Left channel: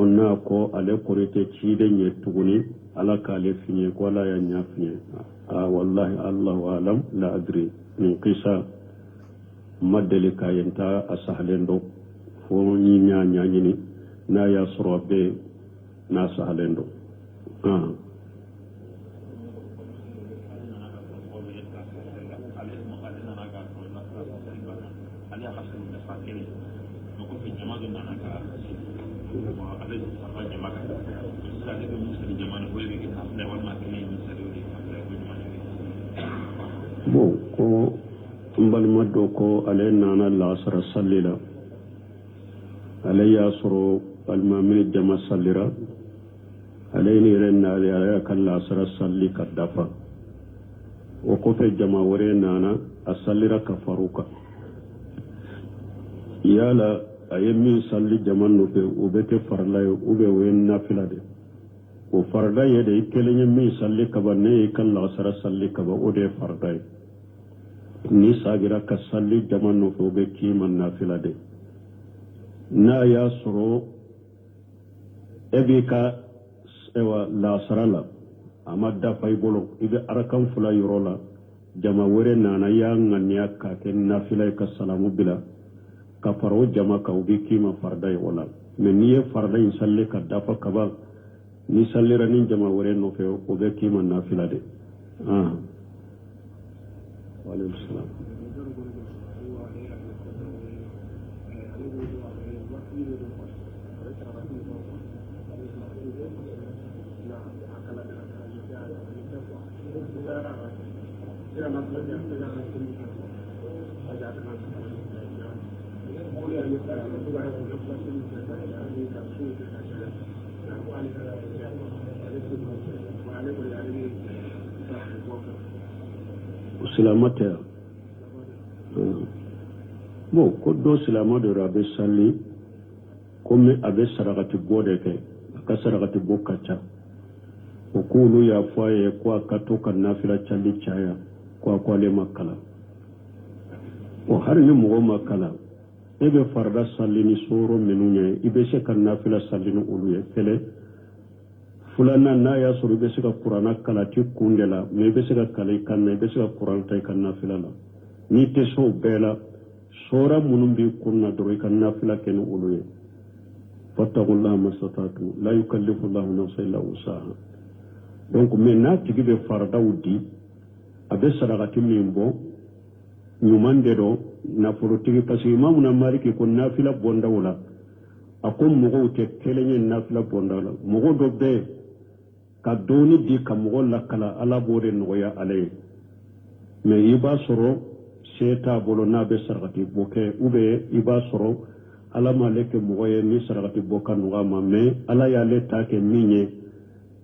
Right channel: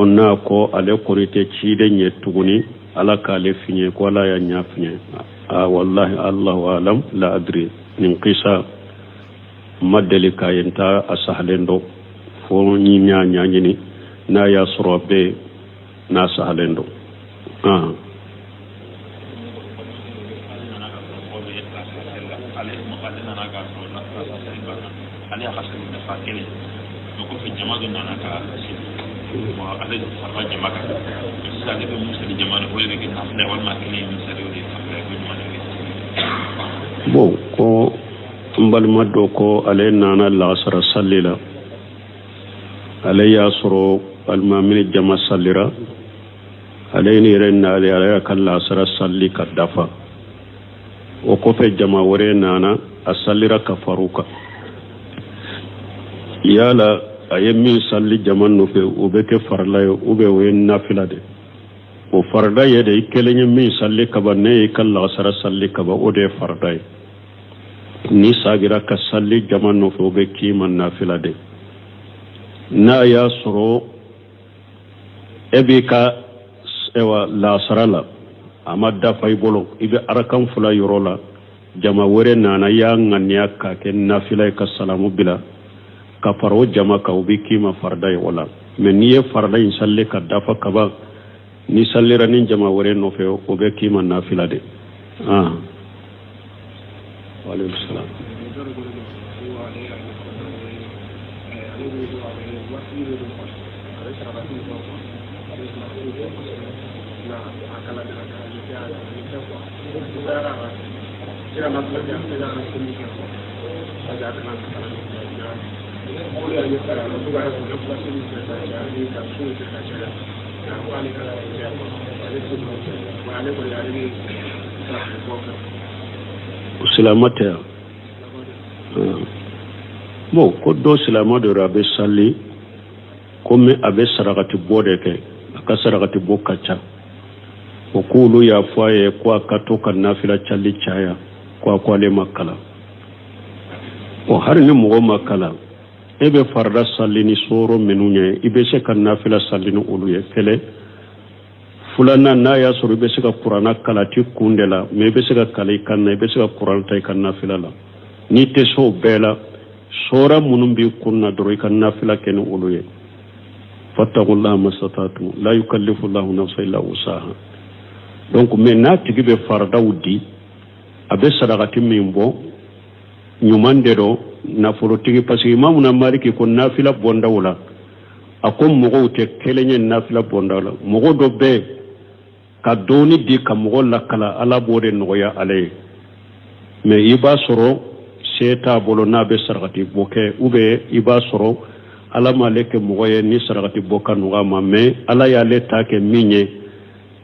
onna ko ale korite ciide nye tuguni ala kale finye ko ala ya nya finye wallahi allahu alam la adri nin qisa madali kayenta asahlendo fo ni nya nyini na ya sorobe na sahlendo bon ko mbalma do ko ale nana la sara sallila ale ya soro almamin jama sallira ale ni renna ale ala kala sara salli kadafa o ko fe jama wore nana asallira kafaruka yala ayemi salli jaman no fe ubeke farla ube we nafila de o farda yede ikelenya min salli kaba ne kala sara salli kaba ode farda ni sagira ka salli jaman no fe ube ki man nafila de na ya soro ebika ewa la sarala amadda fay bolo ibe arakan fula yorola jama wore nana ya nganya ka ken nafila ka salamu bila ka faro jama ka ubi kima farda wala men niye farda in salle ka dafa kaba ni sallira nin jama wore no fe o be kima nafila de wa alaykum salam silamata mo ko do silamado rabe salli comme abe sarakati bode ke aka sarakati bokacha o kulu ya faye kwa katoka nafila challi chaya kwa le makala o har ni mo makala ebe farda salli ni soro menunye ibe se kan nafila salli no uluye kele fulana na ya soro ibe se ka qur'ana kala ti kundela me ibe se ka kala ikanna ibe se ka qur'an tay kan nafila la ni te so bela sora munum bi kunna doro kan nafila ken uluye fattaqullaha masatatu la yukallifu Allahu nafsan illa wusaha donc me na tigibe farda wudi abe sadaqati mimbo nyumande do na forotigi parce que imamu na maliki ko nafila bonda wala akom mogo te kelenye nafila bonda wala mogo do be ka doni di ka mogo lakala ala bode noya ale me iba soro seta bolo na be sarati boke ube iba soro ala maleke mogo ye ni sarati boka noga ma me ala ya le take minye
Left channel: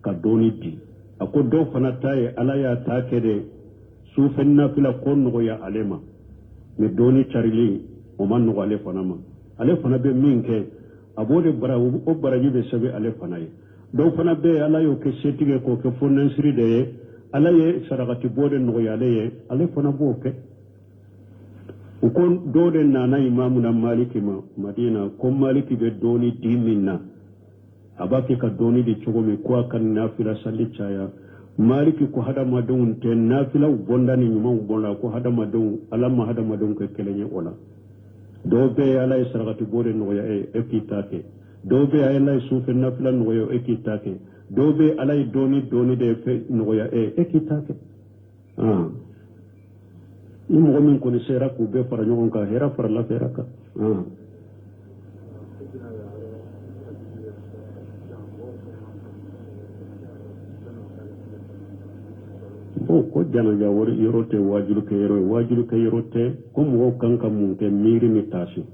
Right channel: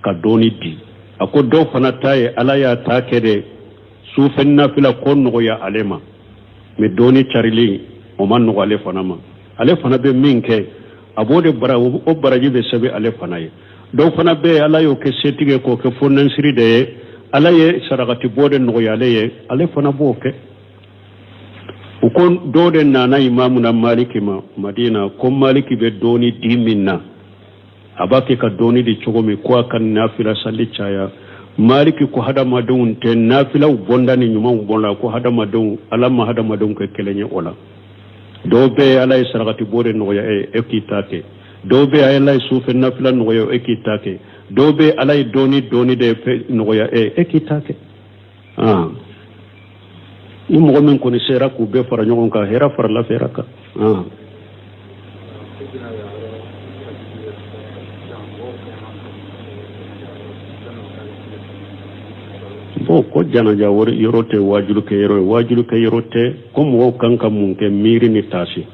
ka doni di ako do fana taye ala ya take de sufen nafila kon noya alema me doni charili o man no ale fana ma ale fana be minke abode bara o baraji be sabe ale fana ye do fana be ala yo ke setige ko ke fonnan siri de ala ye sarakati bode no ya le ale fana bo ke o kon do de nana imamu na maliki ma madina ko maliki be doni diminna abake ka doni di chogomi ko kan nafila salli chaya maliki ko hada madun te nafila bonda ni nyuma bonda ko hada madun alama hada madun ko kelenye ola do be ala sarakati bode no ya ekitake do be ala sufe nafila no ya ekitake do be ala doni de no ya ekitake ni mo men ko ni sera ku be fara nyon ka hera fara la feraka ko janaja wori yorote wajulu ke yorote ko mo kanka mun ke miri ni tasi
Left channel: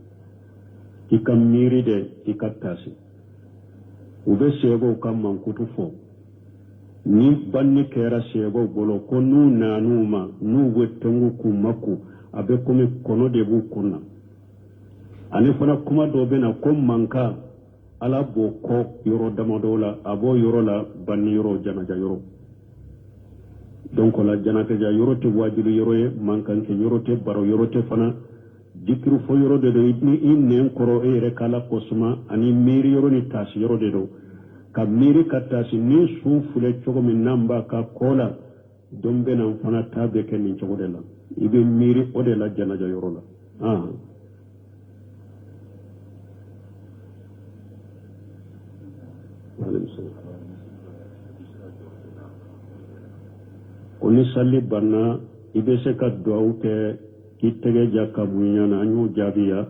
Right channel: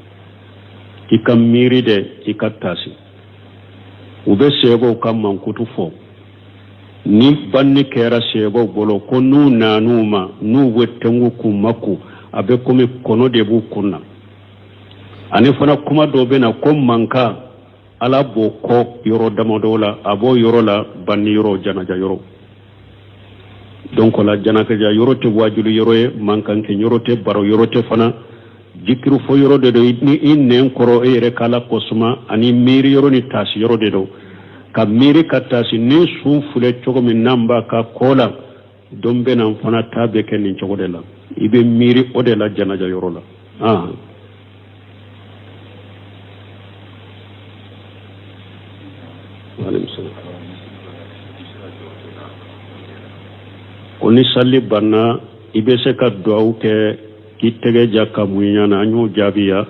ikam miri de ikatasi ube sego kam man kutu fo ni banni kera sego bolo ko nu nanuma nu wettengu kumaku abe komi kono de bu kunna ani fana kuma do bena ko manka ala bo ko yoro damodola abo yorola banni yoro janaja yoro donc la janaka ja yorote wajulu yoroye mankanke yorote baro yorote fana jikiru fo yoro de do ni innen koro e re kala kosuma ani miri yoro ni tasi yoro de do ka miri ka tasi ni su fule chogo min namba ka kola dombe nan fana tabe ken ni chogo de la ibe miri o de la janaja yoro la koni salli banna ibe se ka duaw ke ki tege jakka munyana anyo jabiya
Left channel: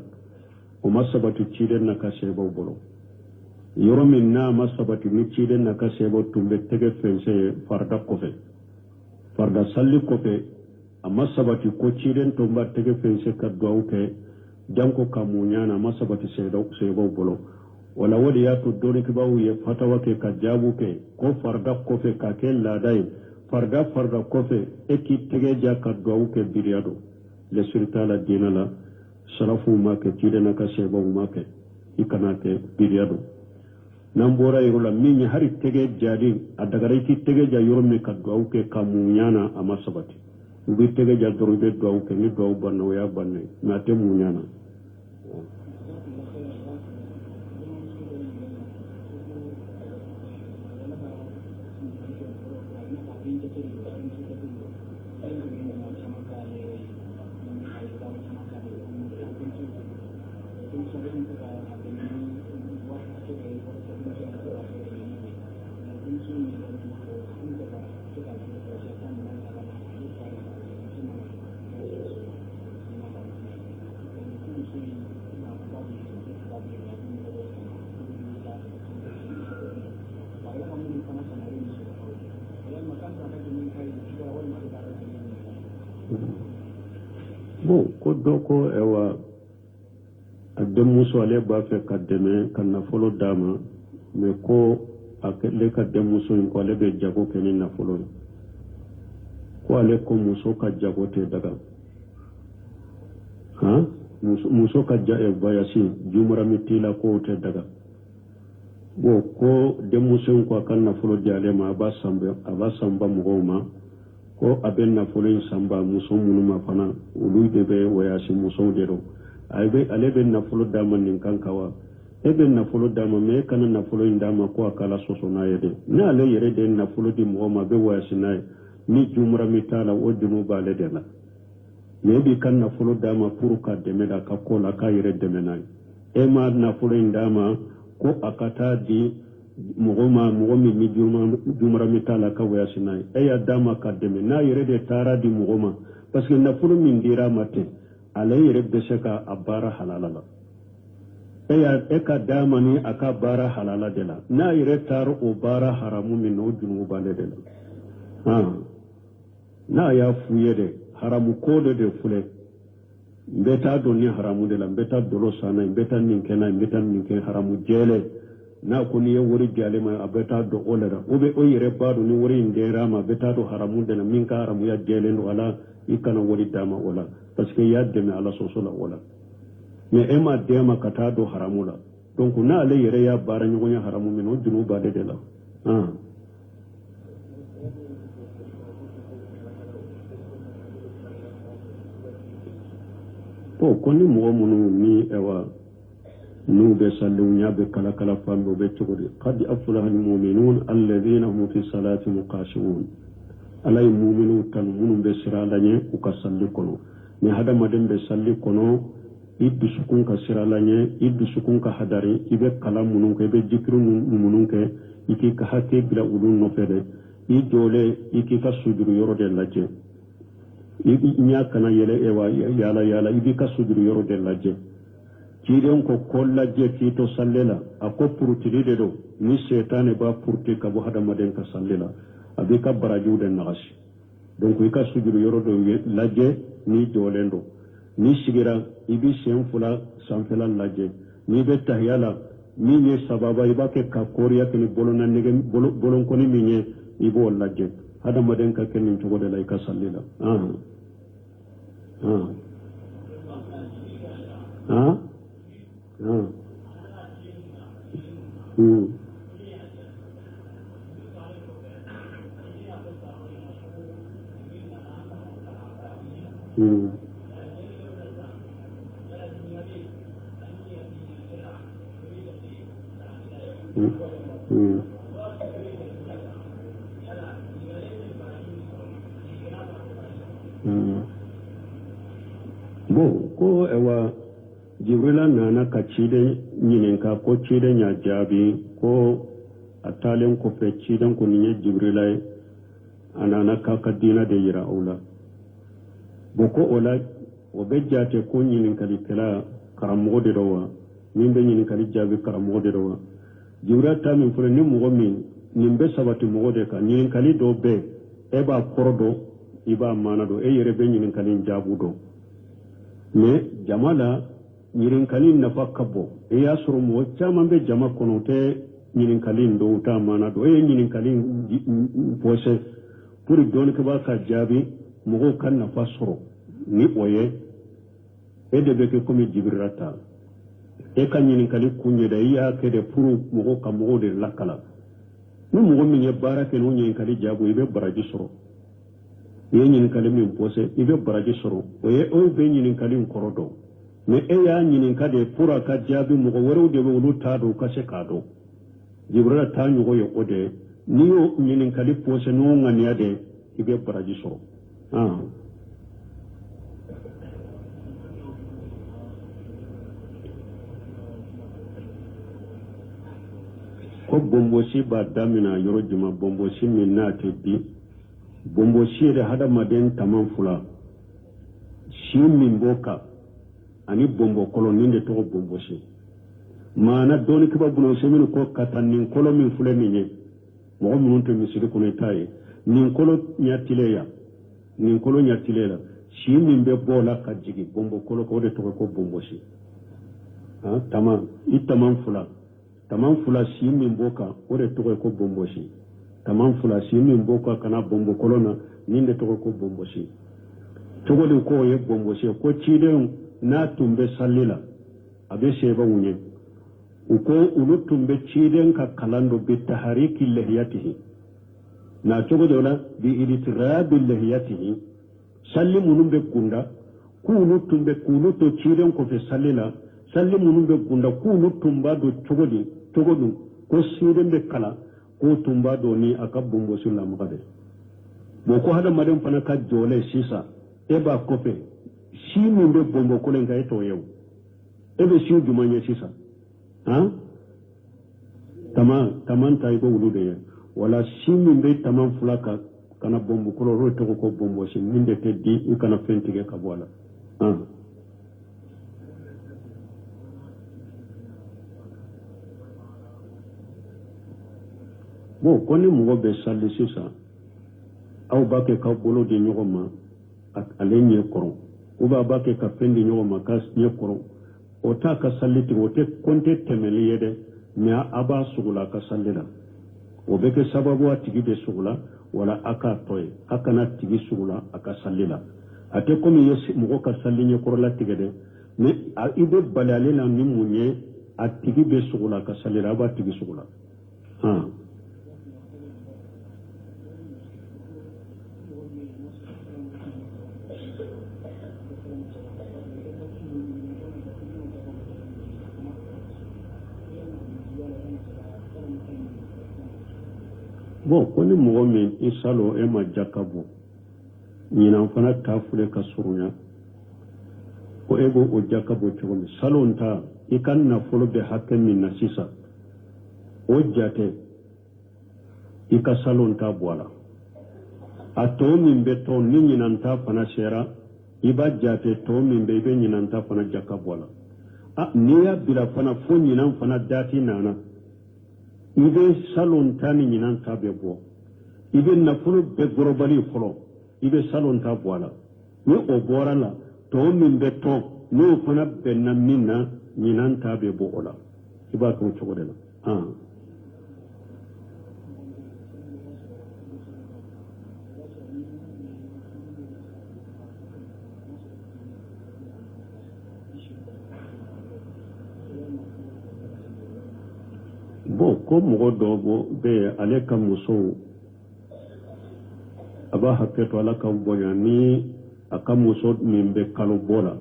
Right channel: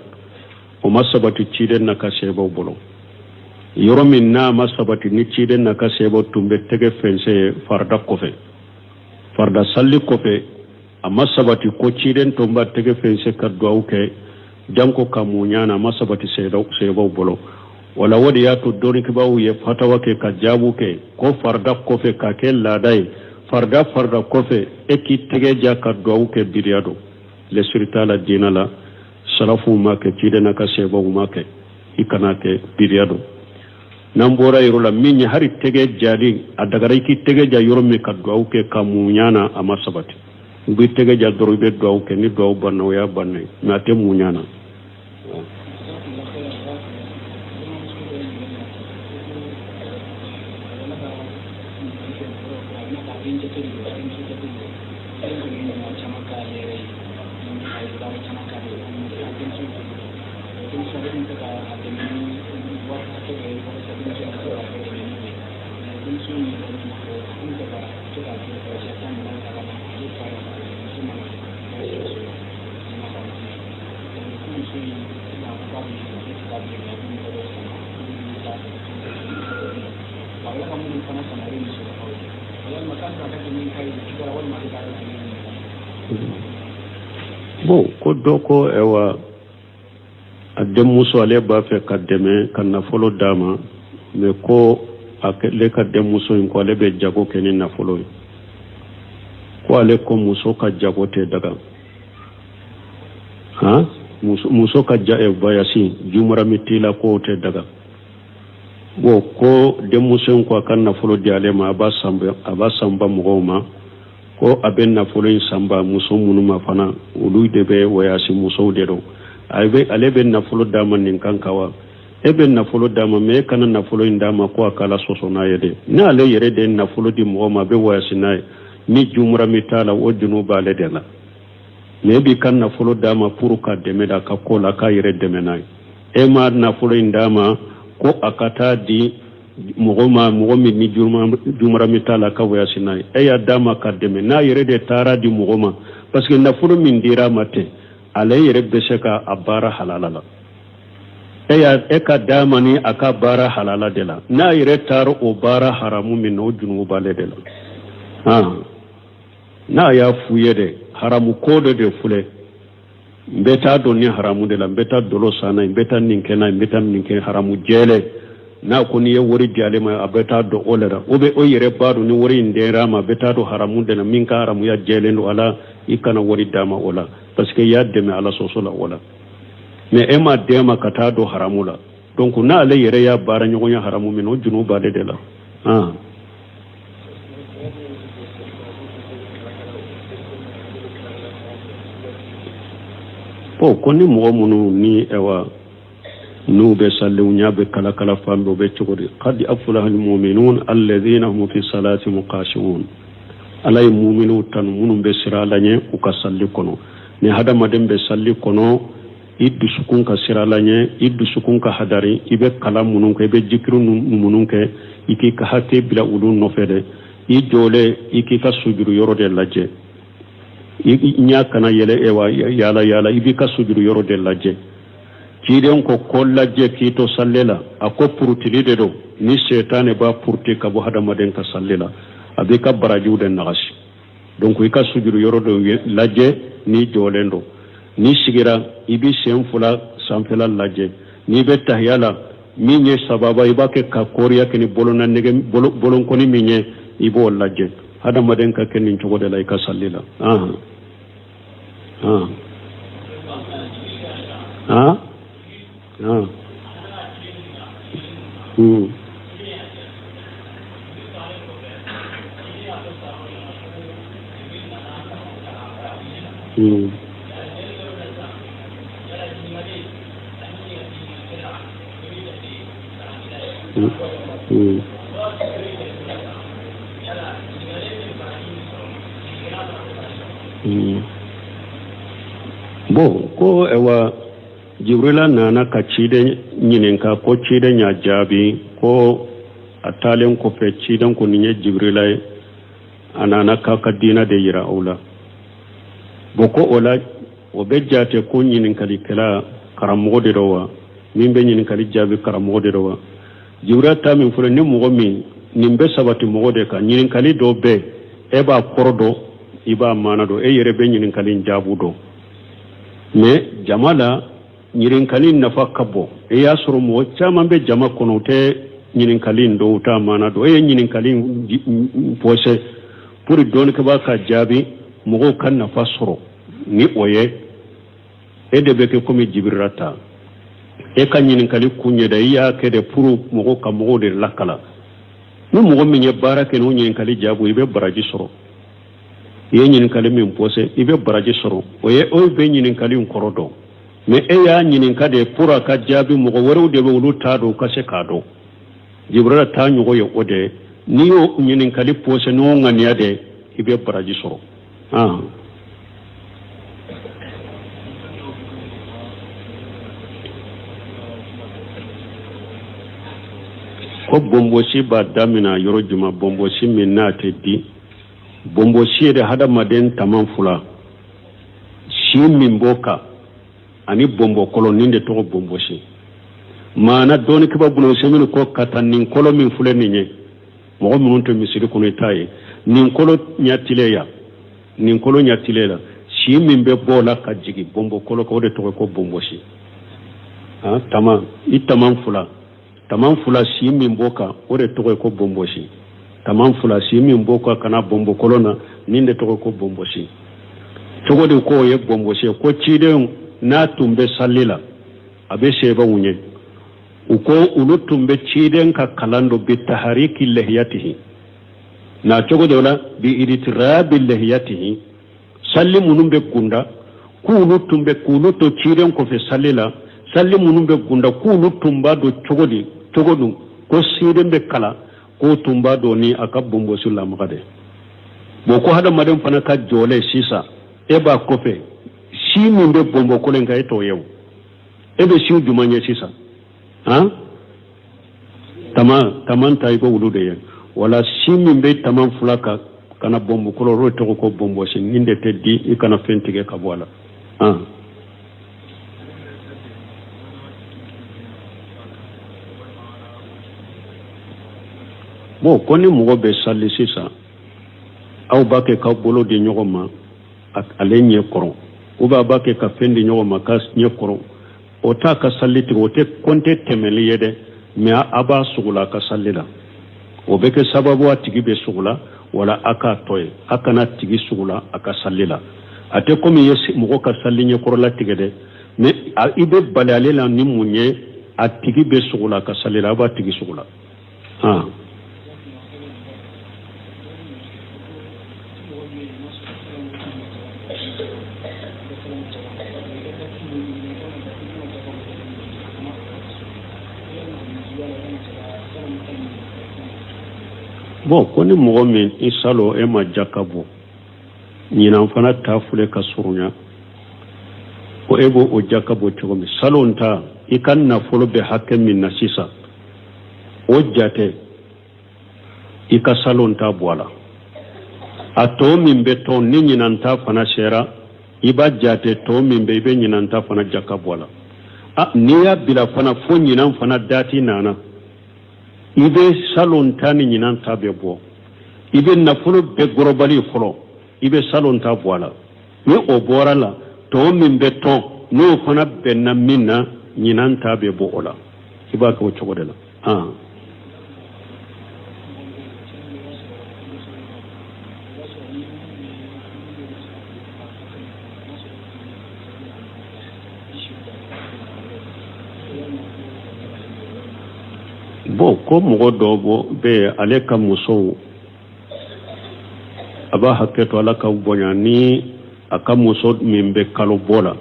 o masabati cide na ka sebo bolo yoro min na masabati ni cide na ka sebo tumbe tege fense farda kofe farda salli kofe a masabati ko cide tumba tege fense ka duaw ke janko ka munyana masabati sebo bolo wala wadi ya to doni kibawu ye fatawa ke ka jabu ke ko farda kofe ka ke ladai farda kofe eki tege jakka duaw ke biriado le suritala dina la salafu make cide na ka sebo make ikana ke biriado nambora yoro la minni hari tege jadi adagara ki tege ja yoro me ka duaw ke kamunyana ama sabati ubi tege ja dorobe duaw ke ni duaw banna ya banne na te munyana bon ko doko ewa adem muso ale ba fe kademe kan folo dama me ko akele kadem muso ko ale be jago kenin na folo ko ale ko muso ka jago te daga muso ka ja e bayasi jumara mitila ko te daga bo ko dem muso ko kan na folo di ale ma aba samba mugoma ko aben na folo samba muso munuma fana ulu de be wayasi muso de do aybe alebe na folo dama nin kankawa ebe na folo dama me kana na folo indama ko akala soso na yede na ale yere de na folo di mugoma be wayasi na ni jumra mitala o dinu bale de la me bi kan na folo dama puru ka deme da ka kola ka yere deme na e ma na folo indama ko akata di mugomi ni jumra mitala ka wayasi na e ya dama ka deme na yere de tara di mugoma parce que na folo min dira mate ale yere bese ka abara halala la e ka dama ni aka bara halala de la na yere taro o bara haramu min no junu bale de la na ya fuye de haramu kodo de fule mbeta do ni haramu de la mbeta dolo sana mbeta ninkena mbeta ninken haramu jele na ko ni wori jale ma abeta do olera obe o yere badu ni wori ndera ma beta do haramu de na minka haramu ya jele ndo ala ikana wori dama ola parce que ya deme ala sosola wala mais ema dema kata do haramu la donc na ale yere ya bara nyogonya haramu min o junu ba de la po koni mo munu ni ewa nu be sallu nyabe kala kala fambe be chogori qad aflaha almu'minun alladhina hum fi salati muqashirun alay mu'minu tan munum be siralanye u ka salli kono ni hada madem be salli kono iddu sukun ka siralanye iddu sukun ka hadari ibe kala munun ke be jikru munun ke iki ka hate bila ulun no fede i jole iki ka sujuru yoro de laje nya kana yele ewa yala ibi ka sujuru yoro de laje kiden ko kollaje kito sallela ako purutili de do ni setane ba purti ka bo hada maden ka sallela abe ka baraju de nagashi donc ika sujuru yoro do laje ni jolendo ni sigira ibi senfula sanfela laje ni be tahyala minye sababa ibake ka koriya kini bolona nege bolon koni minye ibo laje hada maden ka kenin jogo de la ka sallila Bo ko ewa Jibrila nana ka ciden nyininka ko ciden ya jabi ko atalen ko fe ciden ko ninye Jibrila anana ka dina de yira aula boko ola o be jate ko nyininka likala karamogo de rowa min be nyininka jabi karamogo de rowa Jibrila ta min fure ni mogo min nimbe sabati mogo de ka nyininka do be e ba kordo iba manado e yere be nyininka jabu do me jamala nyirinkali nafa kabo e ya suru mo chama be jama kono te nyirinkali ndo ta mana do e nyirinkali pose puri don ke ba ka jabi mo kan nafa suru ni oye e de be ke komi jibirata e kan nyirinkali kunye da ya ke de puru mo ka mo de lakala no mo mi nye barake no nyirinkali jabu ibe baraji suru ye nyirinkali min pose ibe baraji suru oye o be nyirinkali nkorodo me e ya nyininka de pura ka jabi mo woro de wulu tado ka se kado Jibrila ta nyugo ye ode ni yo nyininka li pose no ngani ade ibe baraji soro ko bombosi ba damina yoro juma bombosi min na te di bombosi de hada maden tamam fula shi min boka ani bombo kolo ninde to bombo shi mana doni kiba bulo semino ko katan nin kolo min fule ninye mo mun to misiri kuno tayi nin kolo nyatileya shi min be bola ka jigi bombo kolo ko de to ko bombo shi tamam fula shi min boka o de to ko bombo shi tamam fula shi min boka kana bombo kolo na ninde to ko bombo shi to de ko ye bombo shi ko ciden na tumbe sallila abe seba wunye uko ulu tumbe ciden ka kalando bi tahariki lihiyatihi na chogo dola bi iditirabi lihiyatihi salli munumbe gunda kulu tumbe kulu to ciden ko fe sallila salli munumbe gunda kulu tumba do chogodu ko siden be kala ko tumba do ni akabumbo sulla magade boko hada madam fana ka jole sisa eba kofe shi min be bombo kolen ka eto yew ebe shi jumanye sisa taman tay ko wulude ye wala shi min be taman fulaka kana bombo kolo ro to ko bombo shi ninde teddi ikana fentige ka wala bo koni mo be salli sisa aw bake ka bolo de nyogoma ak alenye koro uba bake ka fendi nyogoma kas nyekoro o ta ka salliti o te konte temeli yede me aba sugula ka sallila o beke sababu atigi be sugula wala aka toy akana tigi sugula aka sallila ate komi yesi mo ka sallinye koro la tigede me ibe balale la ni munye atigi be sugula ka sallila aba tigi sugula bon koni mogo min isalo e ma jakabo nyina fana tafule ka surunya ko ebo o jakabo to mi salonta ikan na folo be hakke min na sisa o jate ika salonta boala ato min be to ni nyina ta fana shera iba jate to min be be nyina ta fana jakabo la ni ya bila fana fo nyina fana dati nana ibe salon tani nyinan tabe bo ibe nafolo be gorobali folo ibe salon ta boala ni o borala to min be to no fana be na minna nyinan tabe bo ola iba ko chogodela bo ko mogo dobo be ale ka muso aba hakketo ala ka bonya ni aka muso min be kalo bola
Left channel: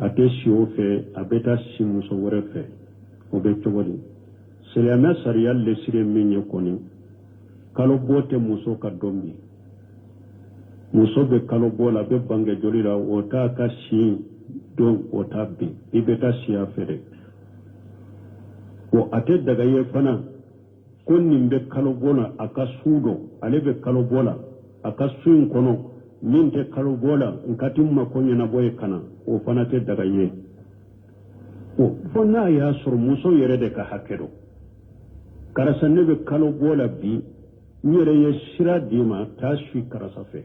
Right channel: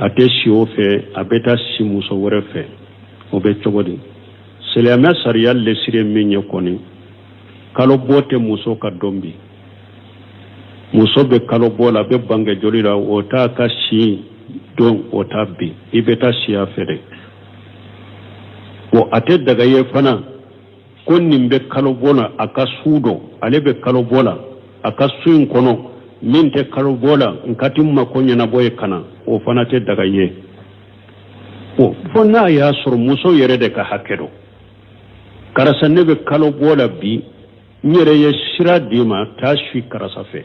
ate si o fe abeta si muso wore fe o be chogodi silama sariya le sire min ye koni kalo bote muso ka dombi muso be kalo bola be bange joli la o ta ka si don o ta bi ibeta siya fere o ate daga ye fana kon nimbe kalo bola aka sudo ale be kalo bola aka suin kono min te kalo bola nkatim ma ko nyana boye kana o fana te daga ye o fona ya sur muso yere de ka hakedo karasa ne be kalo bola bi nyere ye shira dima ta shi karasa fe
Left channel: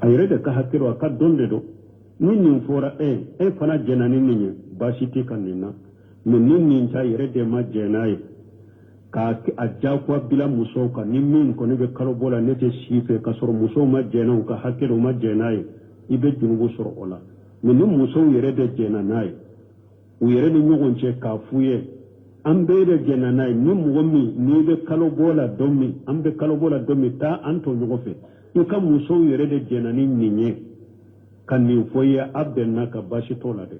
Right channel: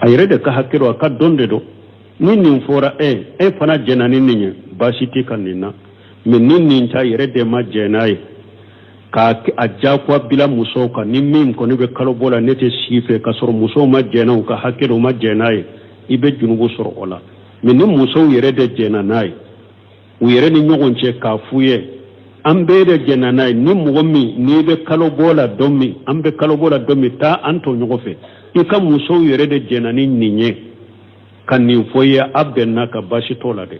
ayere de ka hakedo aka donde do nin fora fana jenani ninye basiti kanina min nin ta yere de ma jenai ka ajja kwa bila muso ka ni min ko ni be kalo bola nete sife ka sor muso ma jena ka hakido ma jenai ibe junubu sor ola min ni muso yere de jena nai u yere ni nyogon che ka fuye ambe de jena nai ni mugomi ni be kalo bola domi ambe kalo bola domi ta anto nyogofe ika muso yere de jena ni ninye kan ni foye abbenna ka bashi tola de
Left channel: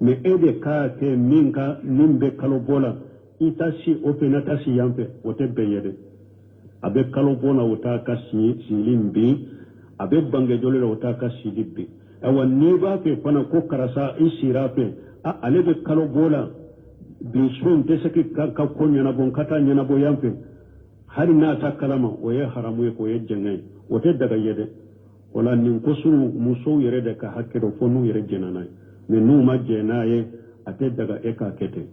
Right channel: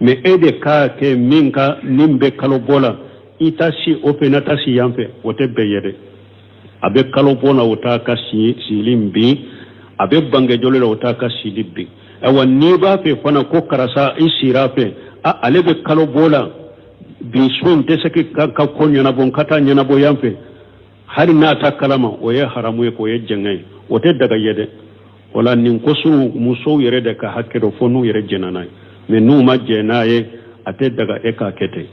me ede ka ke minka nimbe kalo bola itasi openata si yampe wote beyede abe kalo bona wota ka si limbi abe bange jole wota ka si libbi awa ni ba fe fana ko karasa isira fe alebe kalo bola bi sun te seki ka ko nyana bon kata nyana bo yampe hari na ta kalama o ye haramu ko ye jengai wote daga yede wala nin ko su muso yere de ka hakero fonu yere jenanai me nu ma jenaye ate daga eka kete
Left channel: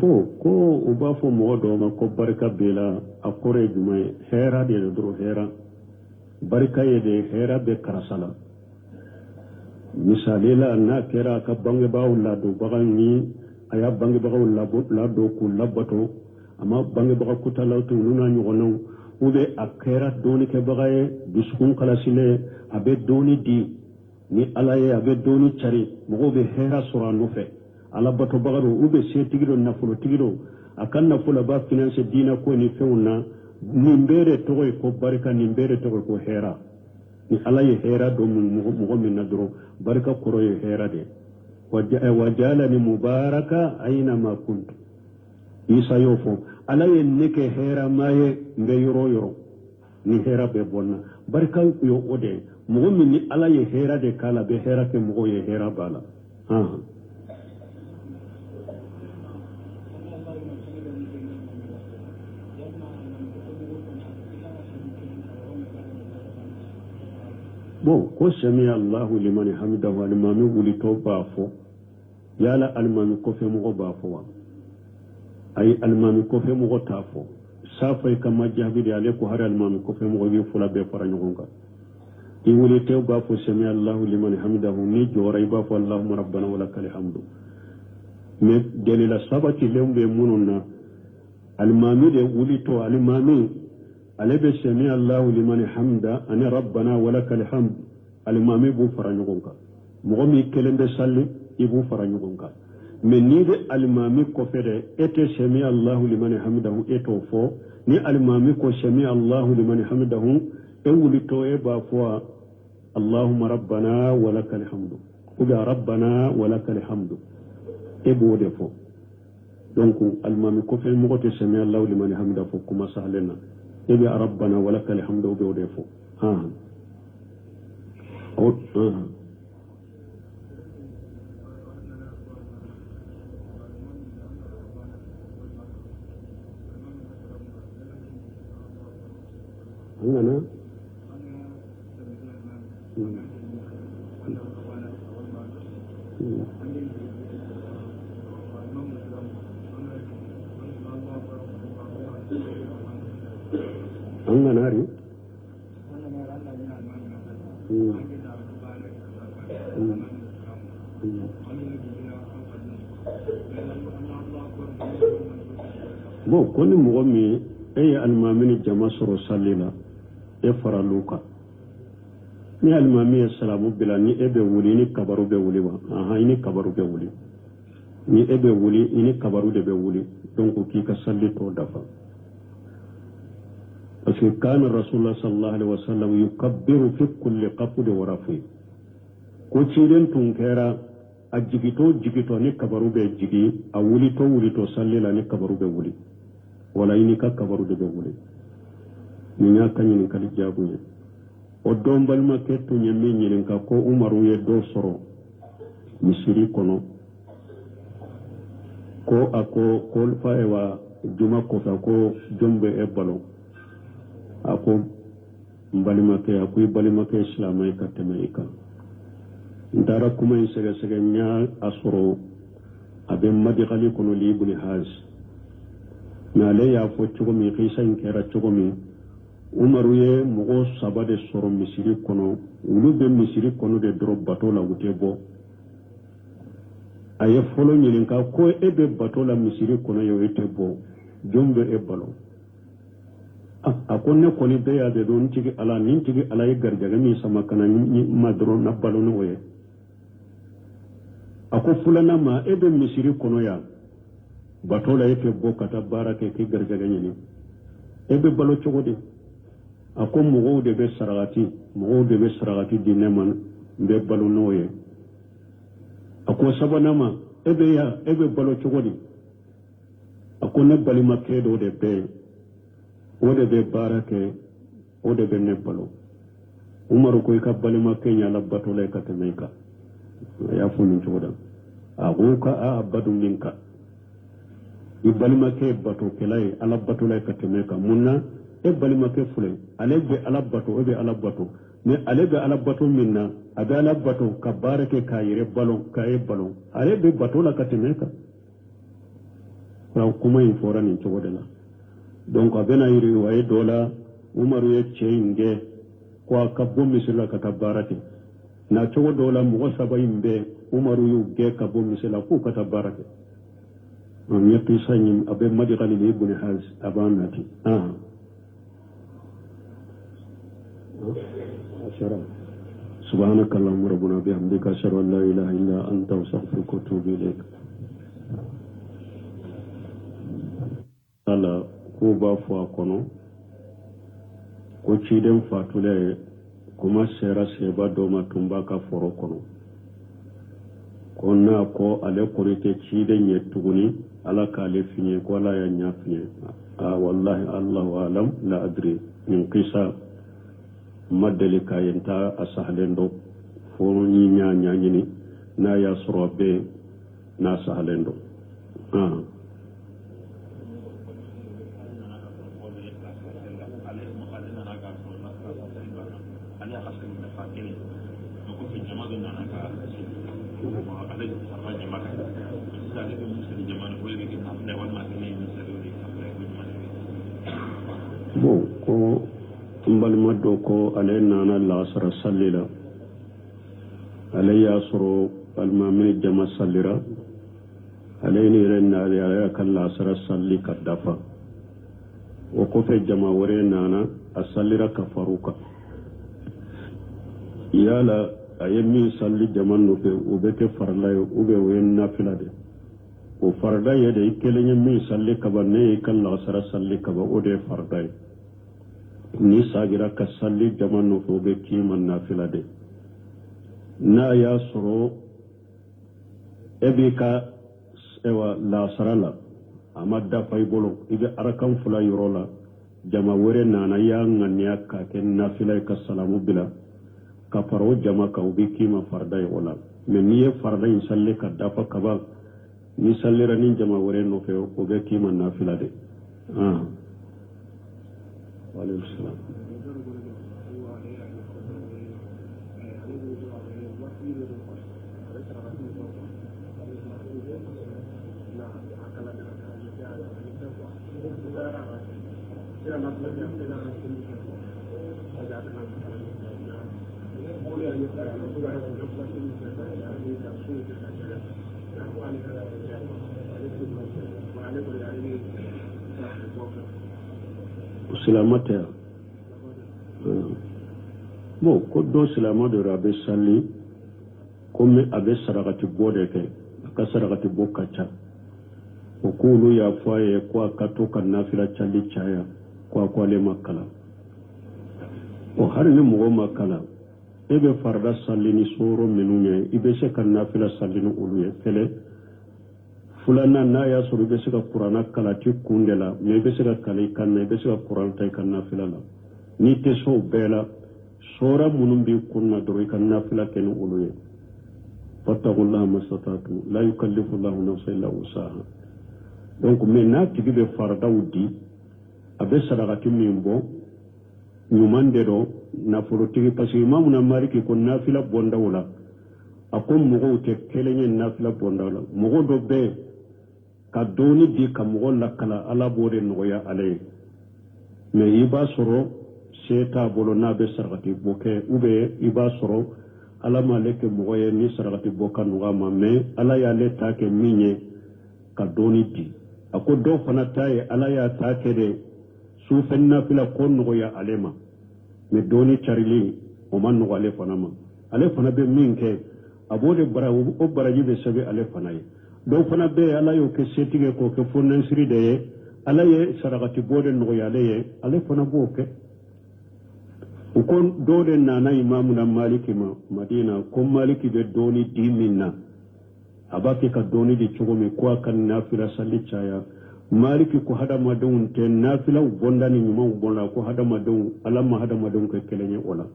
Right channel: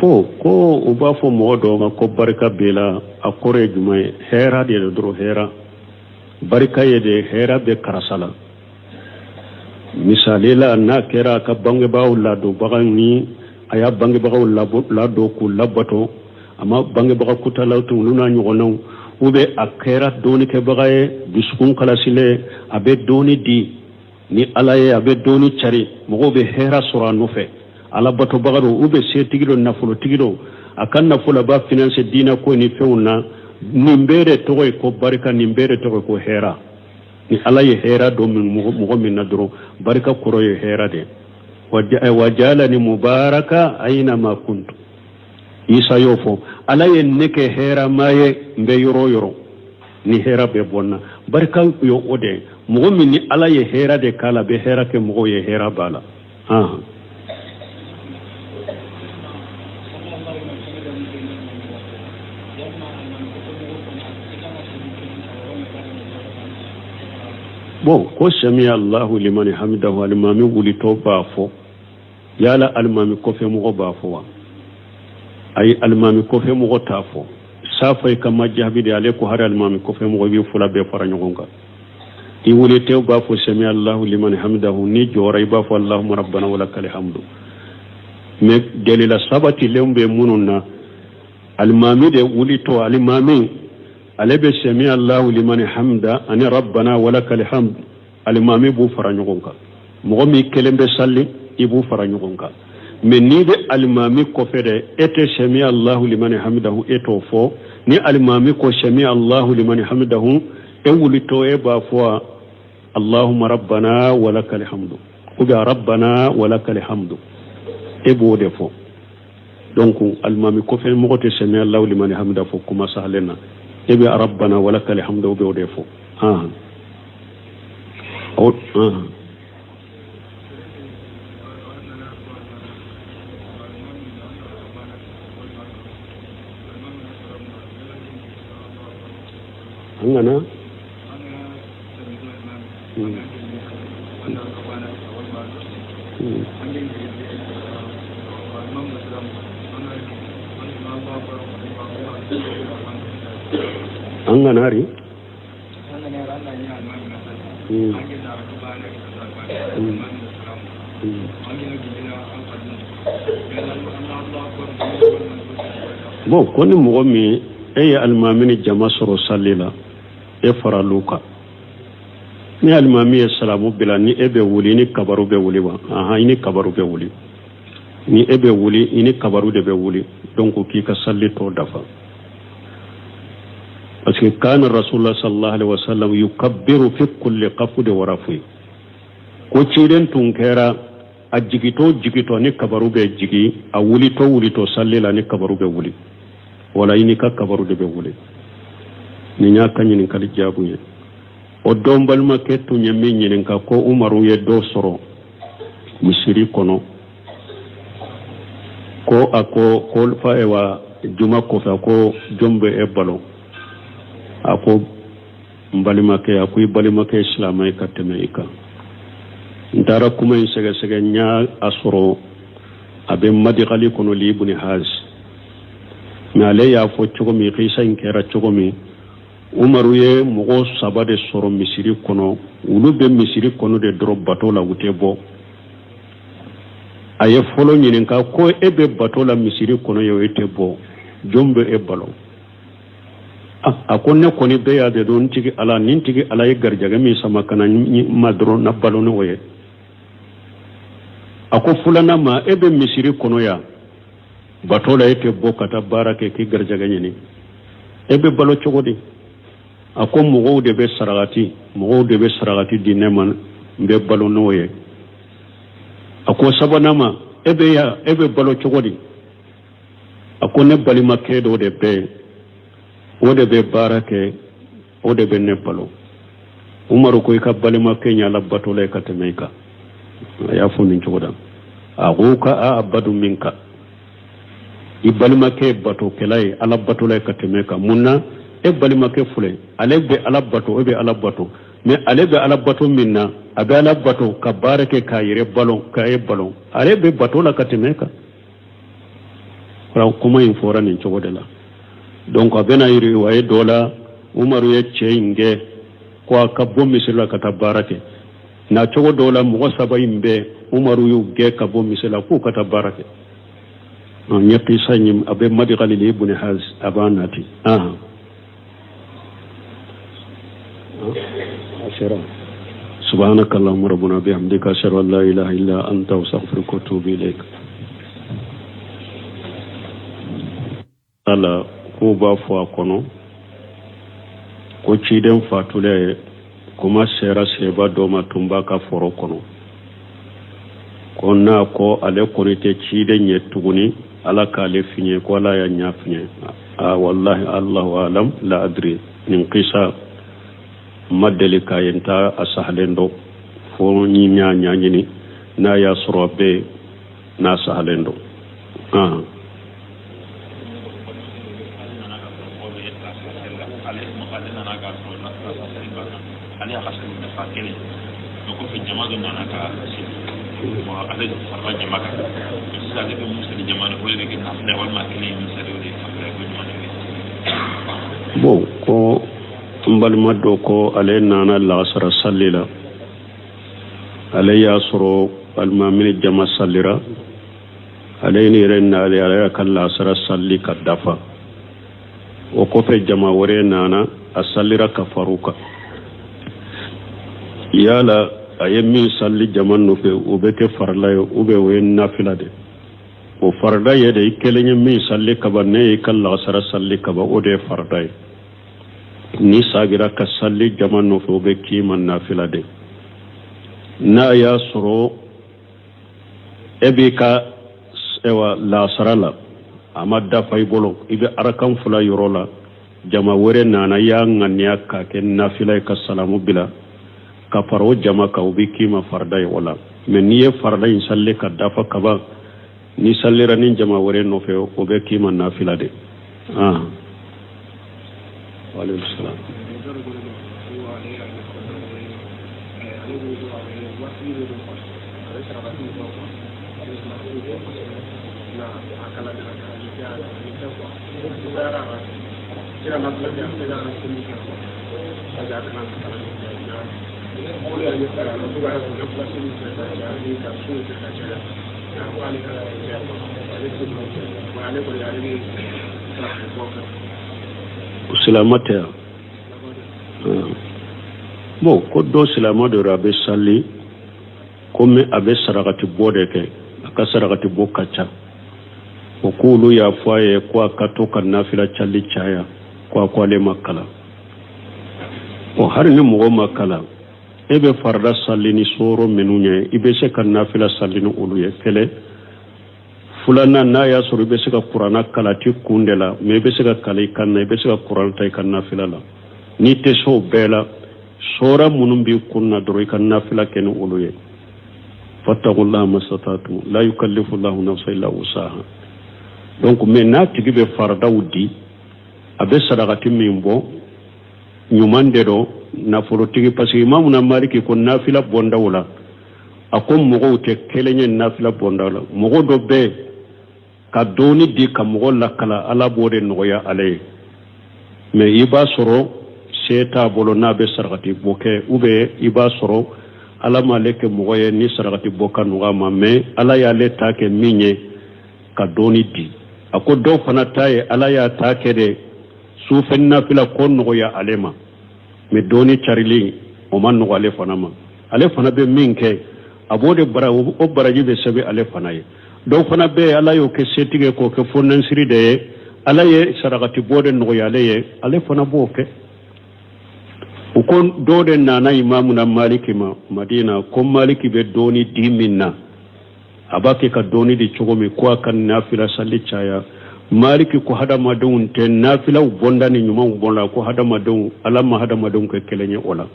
bo ko uba fo modo ma ko barka bela akore jumay hera de dro hera barka yede hera be karasala misalela na kera ka bange baw la do bagani aya bange baw la do ku labato ama bange baw kutala tu luna nyono ube akera doni ke bagaye biskun kala sile abe doni di ni alaye abe doni chari mo be hera sura nufe ala bato bagaro ube se tigiro nafulo tigiro akan nafulo ba finance dina ko ni feuna nimbere toy ko barka nimbere toy ko hera ni alaye hera do min mo min nadro barka kuro ye hera de wajalani mubaraka aina ma kuntu isa yofo alaye neke hera maye mbe yoro ni hera be bonna barka yo ode mo min ni alaye hera de kala be hera ke mo ye hera bala bon ko sami Allahu liman hamidahu alimami wuli to bafo yala alimami ko fe mo bafo ay alimami ko fe mo tafo safay kama jahbide ale ko har alimami ko fe mo bi fula be fara nyogonga i wuli tew bafo sami Allahu liman hamidahu ni joray bafo Allahumma rabbana walakal hamdu me delila sabati lembe mununa alimami de wuli to alimami alebe sami Allahu liman hamda ani rabbana walakal hamd alimami bu faranyogonka mo mi kelembe salli ibu faranyogonka men ni de alimami ko fede ete sami Allahu liman hamdahu eto fo ni alimami ko sami Allahu liman hamdahu e wulito e ba fo Allahumma rabbana walakal hamdu uga rabbana walakal hamdu e bo de fo donc alimami ko fe mo te sami Allahu liman hamdahu fo kuma sahlena ebe rabbana walakal hamdu be odefo angana anganari bon koni mo mi e almamini jama soro sallila e faraluka ni almami salamu bila ni ebe wuli ni kabaru be wuli wa ni kabaru be wuli ni ebe wuli ni kabaru de be wuli donc ki ka salli to dafa parce que kana rasulullah sallallahu alaihi wasallam yukabbiru fi kulli qafd wa rafi ko ciiden tun kera a jigito ni kabaru be jigi a wulito sallila ni kabaru be wuli wala ini ka kabaru de be wuli ni nya kanyin kali jabuye o dombal ma kettu nyemme nyin ka ko umaru ye do soro misiri kono ko ako ko fa ewa juma ko fa ko jombe e balo ako mbalimake ako ibalimake islamay kateme ika ndara kuma sege nya asoro abe madigali kono libuni haz nale ya fo chogomi khisa inkera chogomi umaru ye mugo sabade soro misiri kono ulu be misiri kono de drop bato la wutebo aye folo nyinen ka ko ebe bato la misiri kono yo etebo jombe e balo akone koni be ya de don tigi ala nin tigi ala ye garjaga mi sama kana madro na balo no ye ako fulana ma ebe misiri kono ya bato la etebo kata barake ki garjaga nyini ebe balo chogodi ako mugo de be saragati dineman be balo no ye ako sabanama ebe balo chogodi ako ne balima kedo de be o de be barake o de be ne balo umaru ko ka balima kenya la bato le katemeka ya fu min chogoda aguka a abadu minka ibalima ke bato kelai ala bato le katemeka munna e balima ke fule ale be ala bato o be ala bato mais ale be ala bato minna abe ala bato ka barake ka yire balon ka e balon ale be bato la katemeka ra kuma in fora nin chogoda la donc abena yiri waye dola umaru ye cheinge ko ka bommi sila kata barake na chogo dola mo saba imbe umaru yu ge ka bommi sila ko kata barake on nyati sanyim abe madi khalili ibn haz abanati ashara subhanakallahumma rabbuna bihamdika ashhadu an la ilaha illa anta astaghfiruka wa atubu ilaik ala ko ba fo akono ko ciiden fatule kuma sera seba do ma tumba ka foro kono konna ko ale konite ciiden yetuguni ala ka le finye ko la ya nya finye wallahi allahu alam la adri min qisa madeli kayenta asahlendo fo ni nya nyini na ya sorobe na sahlendo bon ko mbalma do ko ale nana la sara sallila ale ya soro alma min jama sallira ale ni renna ale kala sara salli kadafa o ko fe jama wore nana asallira kafaruka yala ayemi salli jaman no fe ubeke farla ube we nafila de o farda ye de kelenya mi salli kabane kala sara salli kaba ode farda ni sagira ka salli jaman no fe ubeki man nafila de na ya soro ebika ewa la sarala amadda faybolo ibe arakan fula yorola jama wore nana ya nganya ka ken nafila ka salamu bila ka faro jama ka ubiki ma fardai wala men ni fardai salle ka dafa ka ba ni sallira nin jama wore no fe ubiki ma nafila de wa alaykum salam Silamata bon ko do silama de rabe salli comme abe sarakati bodeke aka sarakati bokacha okulu ya faye ko akato kan nafila challi chaya ko ale makala o har ni mogo makala ebe farda sallini soro menunye ibe se kan nafila sallini uluye kele fulana na ya soro ibe se ka qur'ana kala ti kundela me ibe se ka kala kanna ibe se ka qur'an tay kan nafila la ni te so bela sora munum bi kunna doro kan nafila ken uluye fattaqullaha masatatu la yukallifu Allahu nafsan illa wusaha donc mais na tigi be farda wudi abe sadaqati mimbo nyumande do na forotigi parce que imamu na maliki ko nafila bonda wala akom mogo te kelenye nafila bonda wala mogo do be ka doni di ka mogo lakala ala bode noya ale mais iba soro seta bolo na be sadaqati boke ube iba soro ala maleke mogo ye ni sadaqati boka noga ma mais ala ya le take minye ka doni di ako do fana taye ala ya take de su fenna fila kon noya alema me doni charili o man no ale fana ma ale fana be minke abode bara o baraji be sabe ale fana ye do fana be ala yo ke setige ko ke fonnan siri de ala ye sarakati bode no ya ale fana bo ke o kon do de nana imamu na maliki ma madina ko maliki be doni diminna abake ka doni di chogomi ko kan nafila salli chaya maliki ko hada madon te nafila bonda ni nyuma bonda ko hada madon alama hada madon ko kelenye ola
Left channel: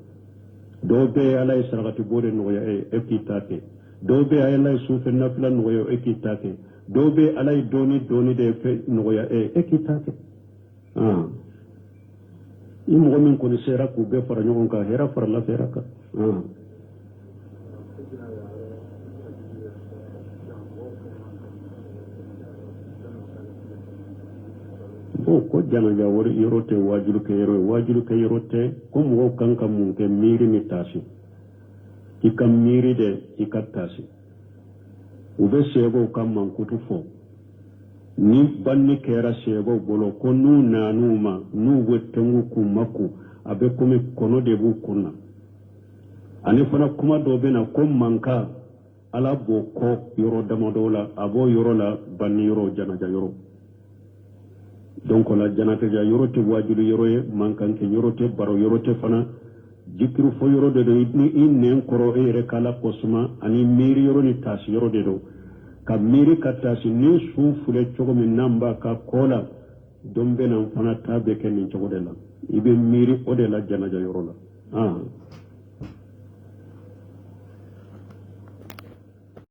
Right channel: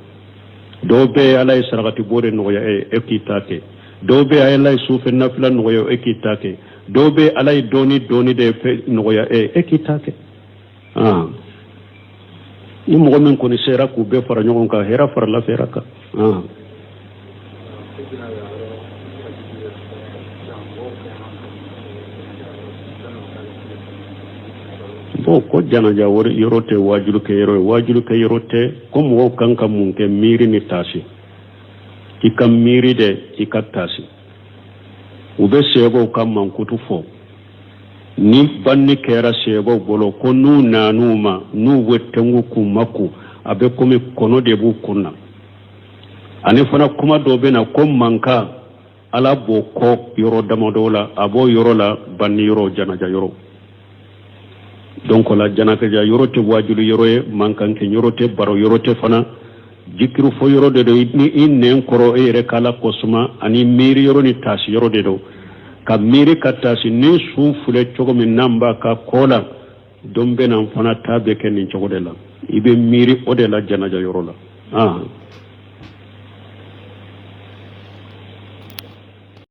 dobe alay saragati bore no ya ekitake dobe alay sufe nafila no ya ekitake dobe alay doni de fe no ya ekitake ni mo men ko ni sera ku be fara nyon ka hera fara la feraka ko janaja wori yorote wajulu ke yorote ko mo kanka mun ke miri ni tasi ikam miri de ikatasi ube sebo kam man kutu fo ni banni kera sebo bolo ko nu nanuma nu wettengu kumaku abe komi kono de bu kunna ani fana kuma do be na ko manka ala bo ko yoro damadola abo yoro la banni yoro janaja yoro donc la janaka ja yorote wajulu yoroye mankanke yorote baro yorote fana jikiru fo yorode do ni innen koro ere kala kosuma ani miri yoroni tasi yorode do ka miri katasi ni su fule chogo min namba ka kola dombe nan fana tabe ken ni chogo de la ibe miri ode la janaja yorola